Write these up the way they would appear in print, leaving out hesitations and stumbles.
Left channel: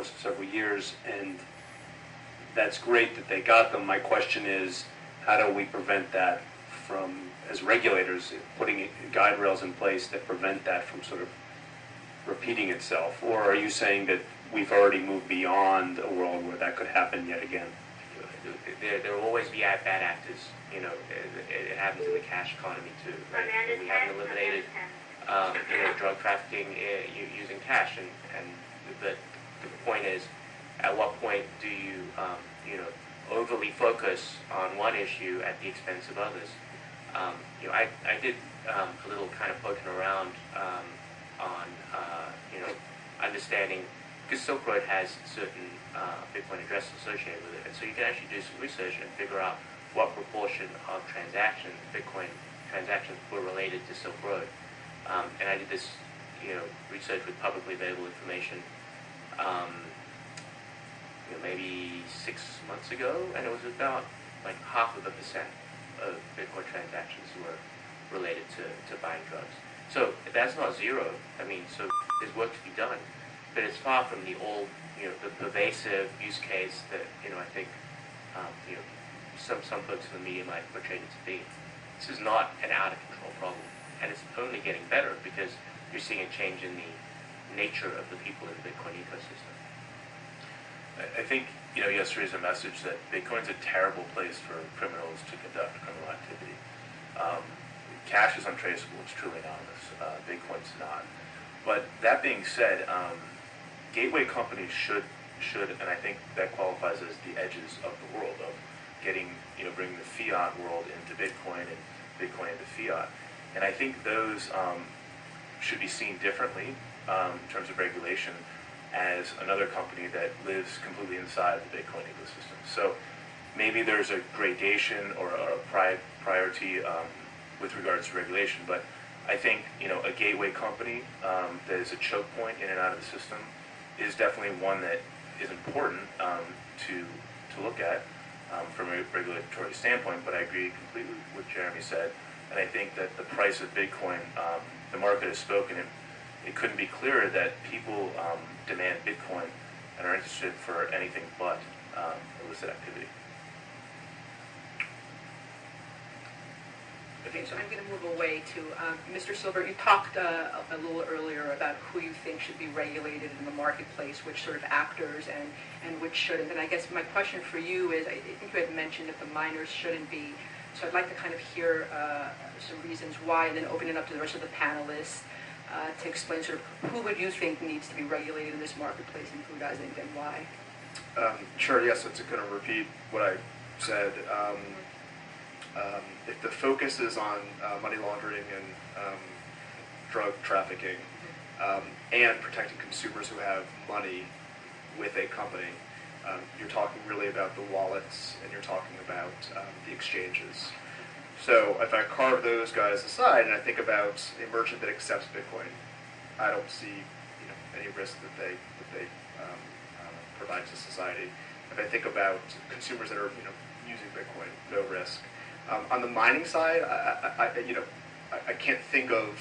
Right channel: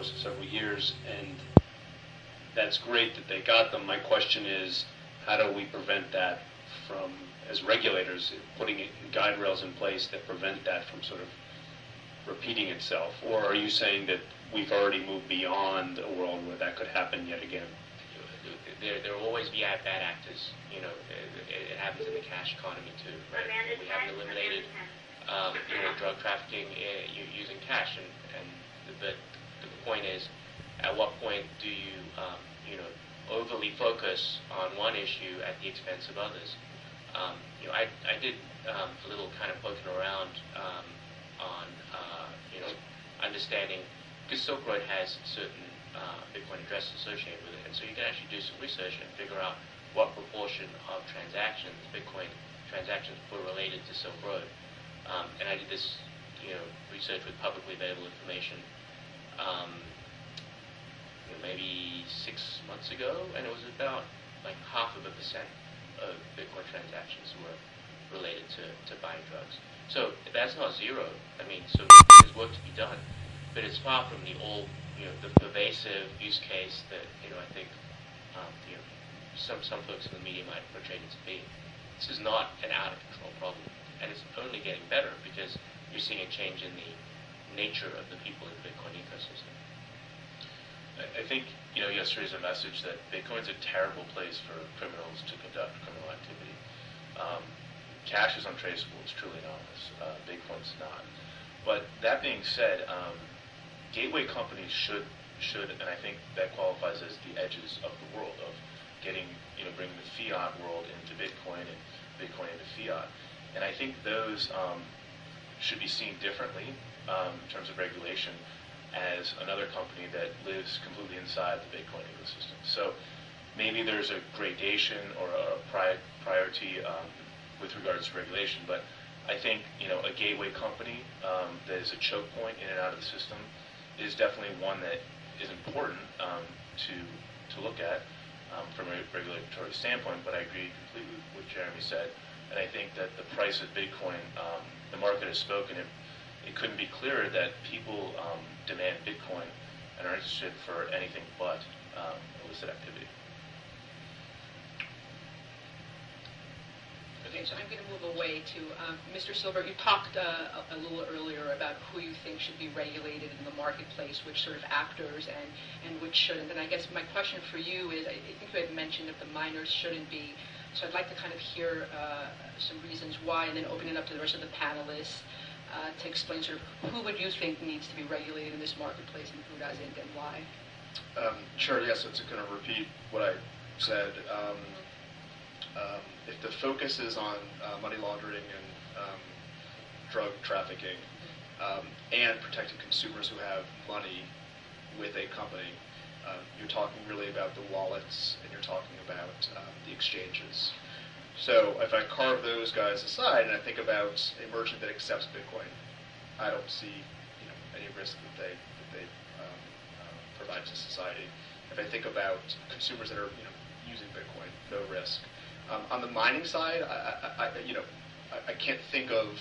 course of several years, and that's great that they got them. My question is, how do we prevent that from, as regulators, putting guide rails in place that prevent that from sort of repeating itself? Or are you saying that we've already moved beyond a world where that could happen yet again? There will always be bad actors. You know, it happens in the cash economy too, right? We haven't eliminated drug trafficking using cash, and the point is, at what point do you overly focus on one issue at the expense of others? I did a little kind of poking around on understanding, because Silk Road has certain Bitcoin addresses associated with it, and so you can actually do some research and figure out what proportion of transactions, Bitcoin transactions, were related to Silk Road. And I did this, research with publicly available information, maybe 6 months ago, and it was about like 0.5% of Bitcoin transactions were related to buying drugs. So that's not zero. I mean, so there's work to be done, but it's far from the the pervasive use case that I think some folks in the media might portray it to be. This is not an out of control problem, and it's only getting better because you're seeing a change in the nature of the people in the Bitcoin ecosystem. I think yesterday's a message that Bitcoin's a terrible place for criminals to conduct criminal activity. Cash is untraceable; it's truly anonymous. Bitcoin's not. But that being said, gateway companies should, and I think that qualifies as the edges of the world of getting, bringing the fiat world into Bitcoin and Bitcoin into fiat. And I think those should be seen differently in terms of regulation as another company that lives completely inside of the Bitcoin ecosystem. So maybe there's a gradation or a priority with regards to regulation, but I think a gateway company that is a choke point in and out of the system is definitely one that is important to look at from a regulatory standpoint. But I agree completely with what Jeremy said, and I think that the price of Bitcoin, the market has spoken. It couldn't be clearer that people demand Bitcoin and are interested for anything but illicit activity. Okay, so I'm going to move away to Mr. Silber. You talked a little earlier about who you think should be regulated in the marketplace, which sort of actors and which shouldn't. And I guess my question for you is, I think you had mentioned that the miners shouldn't be. So I'd like to kind of hear some reasons why, then open it up to the rest of the panelists to explain sort of who would you think needs to be regulated in this marketplace and who doesn't, and why. Sure, yes, it's going to repeat what I said. If the focus is on money laundering and drug trafficking and protecting consumers who have money with a company, you're talking really about the wallets and you're talking about the exchanges. So if I carve those guys aside and I think about a merchant that accepts Bitcoin, I don't see any risk that they provide to society. If I think about consumers that are using Bitcoin, no risk. On the mining side, I can't think of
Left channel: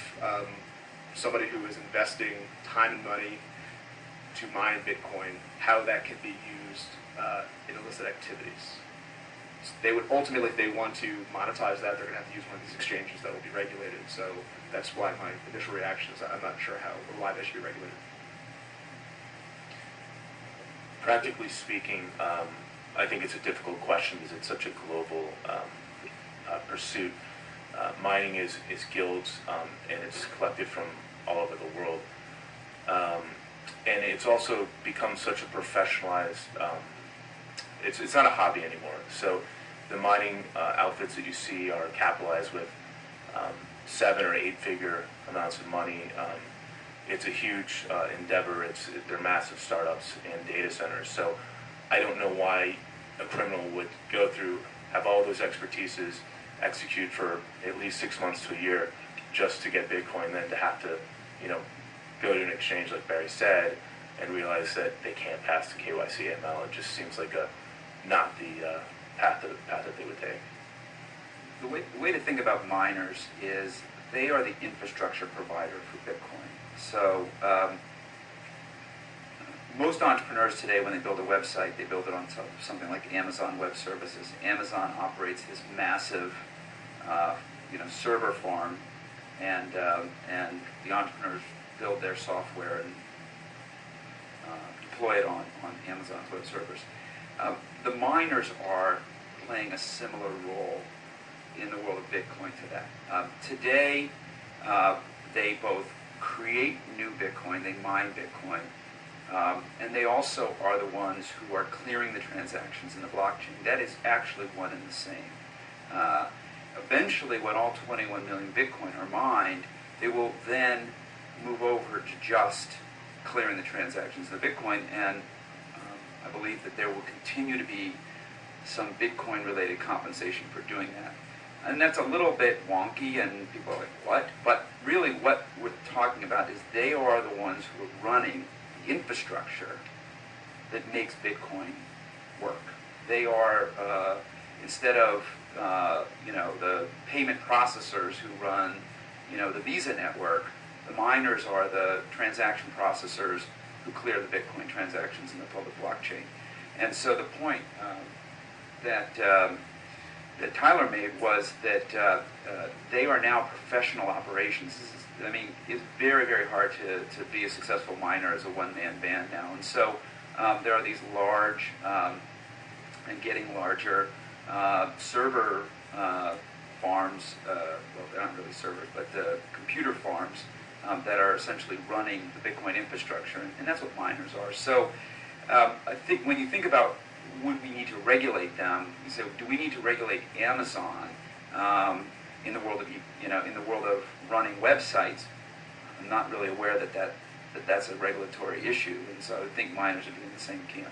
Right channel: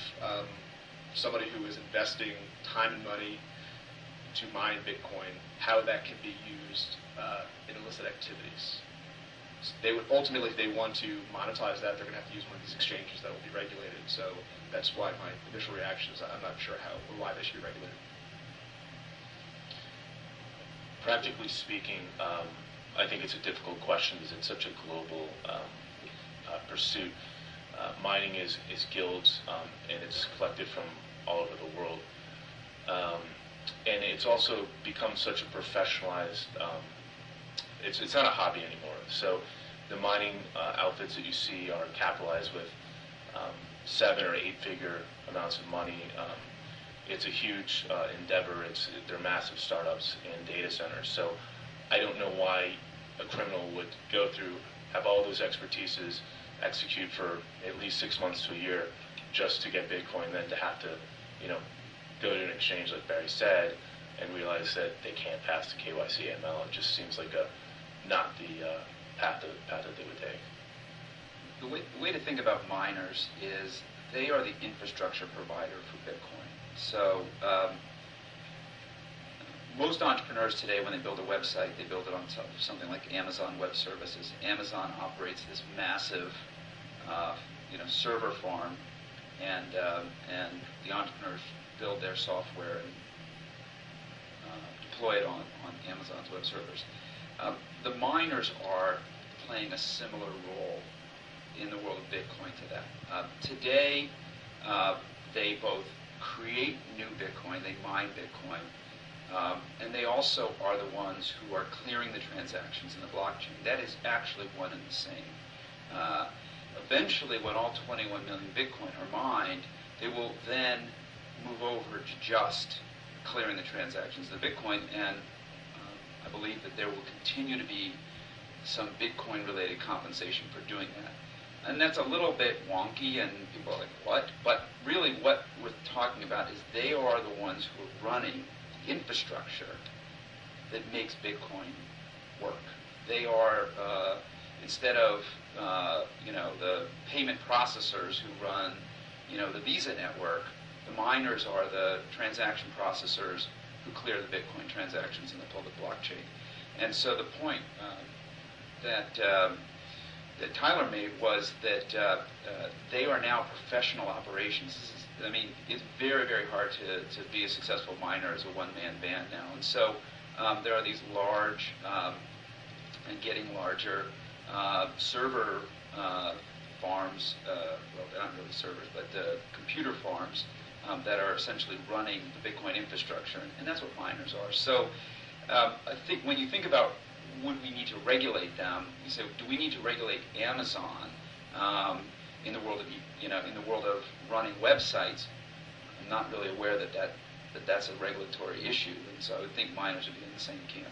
somebody who is investing time and money to mine Bitcoin, how that can be used in illicit activities. They would ultimately, if they want to monetize that, they're going to have to use one of these exchanges that will be regulated. So that's why my initial reaction is I'm not sure how or why they should be regulated. Practically speaking, I think it's a difficult question because it's such a global pursuit. Mining is guilds, and it's collected from all over the world. And it's also become such a professionalized, it's not a hobby anymore. So the mining outfits that you see are capitalized with 7 or 8 figure amounts of money. It's a huge endeavor. They're massive startups and data centers. So I don't know why a criminal would go through, have all those expertises, execute for at least 6 months to a year just to get Bitcoin, then to have to, go to an exchange like Barry said and realize that they can't pass the KYC ML. It just seems like not the path that they would take. The way to think about miners is they are the infrastructure provider for Bitcoin. So most entrepreneurs today, when they build a website, they build it on something like Amazon Web Services. Amazon operates this massive, server farm, and the entrepreneurs build their software and deploy it on Amazon's web servers. The miners are playing a similar role in the world of Bitcoin to that. Today, they both create new Bitcoin, they mine Bitcoin, and they also are the ones who are clearing the transactions in the blockchain. That is actually one and the same. Eventually, when all 21 million Bitcoin are mined, they will then move over to just clearing the transactions of the Bitcoin, and I believe that there will continue to be some Bitcoin-related compensation for doing that. And that's a little bit wonky, and people are like, what? But really what we're talking about is they are the ones who are running the infrastructure that makes Bitcoin work. They are, instead of, the payment processors who run, the Visa network, the miners are the transaction processors who clear the Bitcoin transactions in the public blockchain. And so the point that Tyler made was that they are now professional operations. It's very, very hard to be a successful miner as a one-man band now. And so there are these large and getting larger server farms, well, they're not really servers, but computer farms that are essentially running the Bitcoin infrastructure, and that's what miners are. So I think when you think about would we need to regulate them, you say, do we need to regulate Amazon in the world of running websites? I'm not really aware that that's a regulatory issue, and so I would think miners would be in the same camp.